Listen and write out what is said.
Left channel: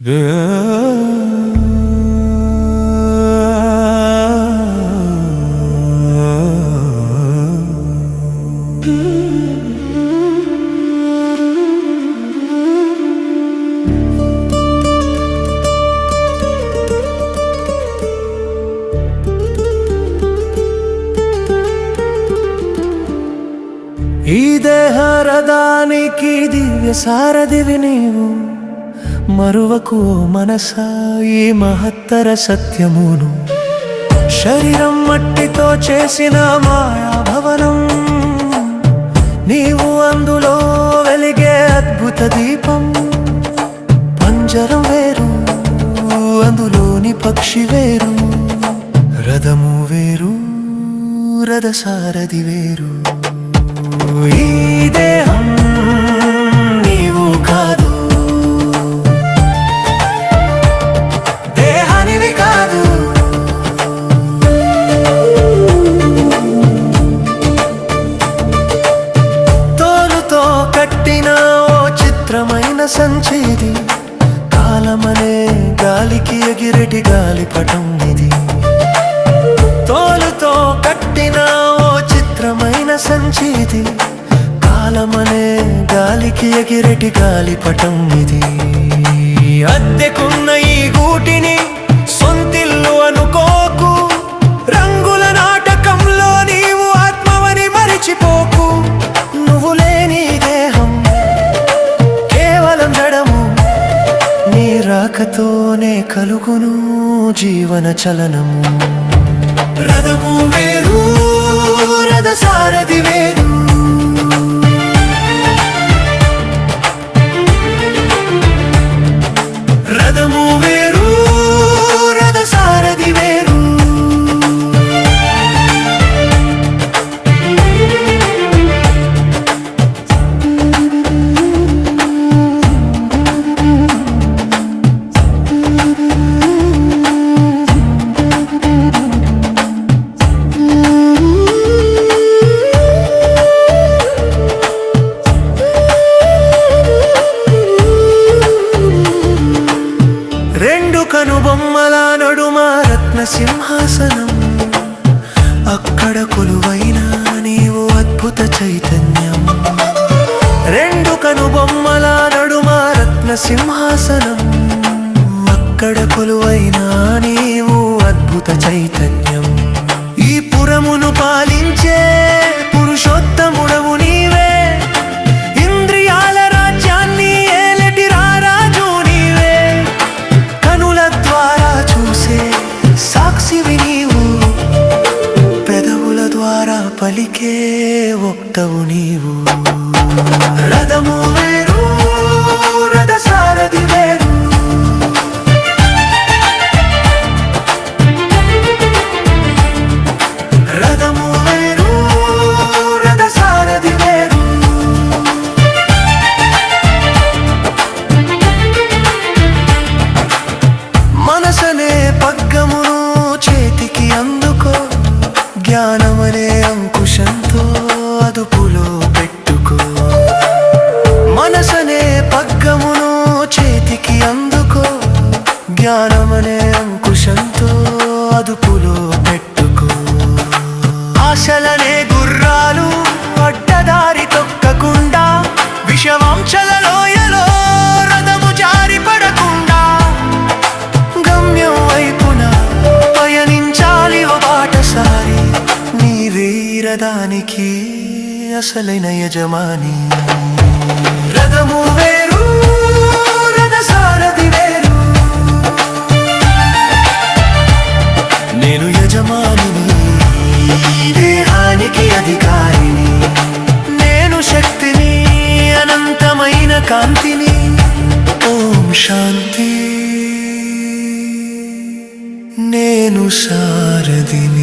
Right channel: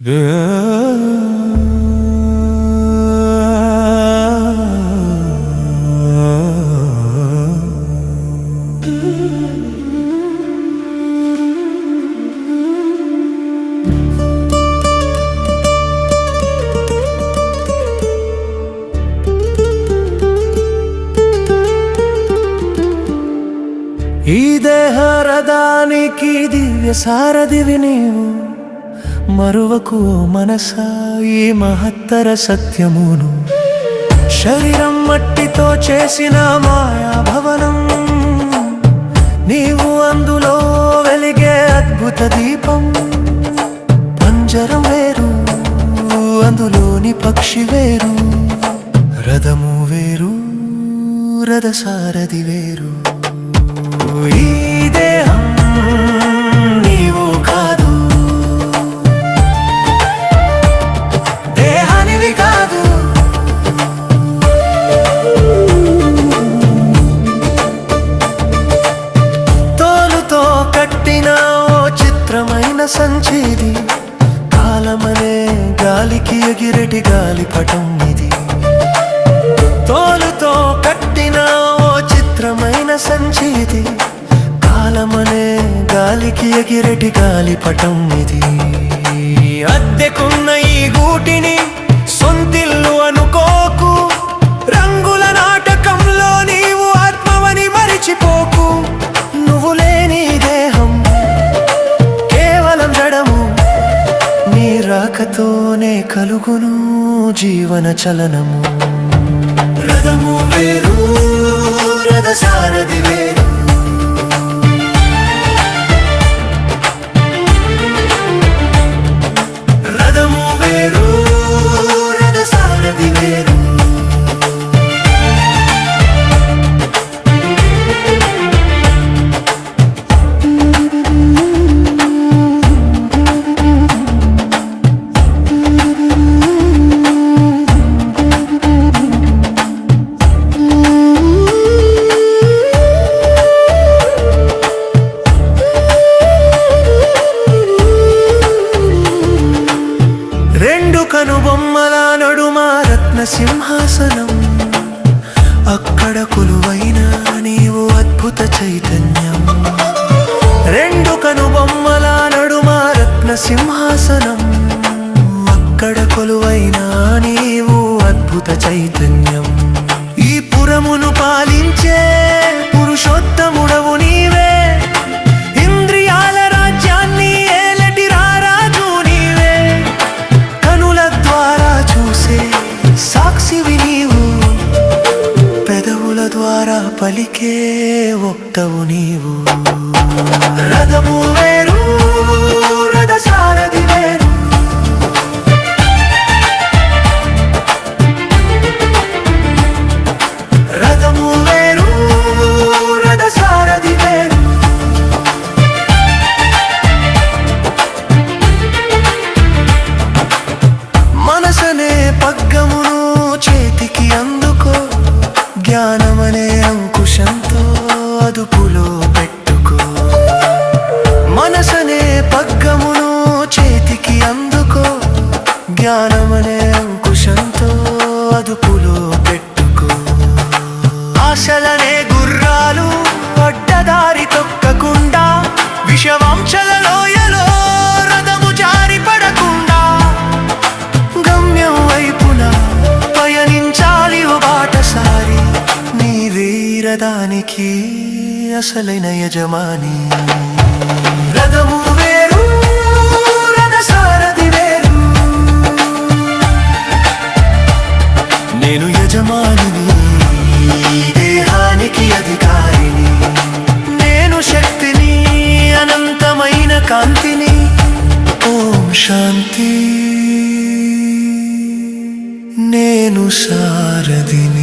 ఈ దేహరదానికి దివ్య సారథివి నీవు మరువకు ఓ మనసా ఈ మహత్తర సత్యమును. శరీరం మట్టితో చేసిన మాయా భవనం నీవు అందులో వెలిగే అద్భుత దీపం. పంజరం వేరు అందులోని పక్షి వేరు. రథము వేరు రథసారథి వేరు. ఈ దేహం నీవు కాదు. కట్టిన ఓ చిత్రమైన సంచిది. కాలమనే గాలికి ఎగిరెటి గాలిపటం ఇది. తోలుతో కట్టిన ఓ చిత్రమైన సంచిది. కాలమనే గాలికి ఎగిరెటి గాలిపటం ఇది. అద్దెకున్న ఈ గూటిని సొంతిల్లు అనుకోకు. కేవలం నీ రాకతోనే కలుగును జీవన చలనము. రథము వేరు రథ సారథి బొమ్మలా నడుమ రత్న సింహాసనం అక్కడ కొలువైన నీవు అద్భుత చైతన్యం. రెండు కనుబొమ్మల నడుమ రత్న సింహాసనం అక్కడ కొలువైన నీవు అద్భుత చైతన్యం. ఈ పురమును పాలించే పురుషోత్త చూసే సాక్షివి నీవు పెదవుల ద్వారా పలికే ఒక్కవు నీవు. రథం పగ్గమును చేతికి అందుకో. జ్ఞానమనే అంకుశంతో అదుపులో పెట్టుకో. మనసనే పగ్గమును చేతికి అందుకో. జ్ఞానమనే అంకుశంతో అదుపులో పెట్టుకో. ఆశలనే గుర్రాలు అడ్డదారి తొక్కకుండా వీరదానికి అసలైన యజమాని. రథము వేరు రథ సారథి వేరు. నేను యజమానిని దేహానికి అధికారిని. నేను శక్తిని అనంతమైన కాంతిని. ఓం శాంతి. నేను సారథిని.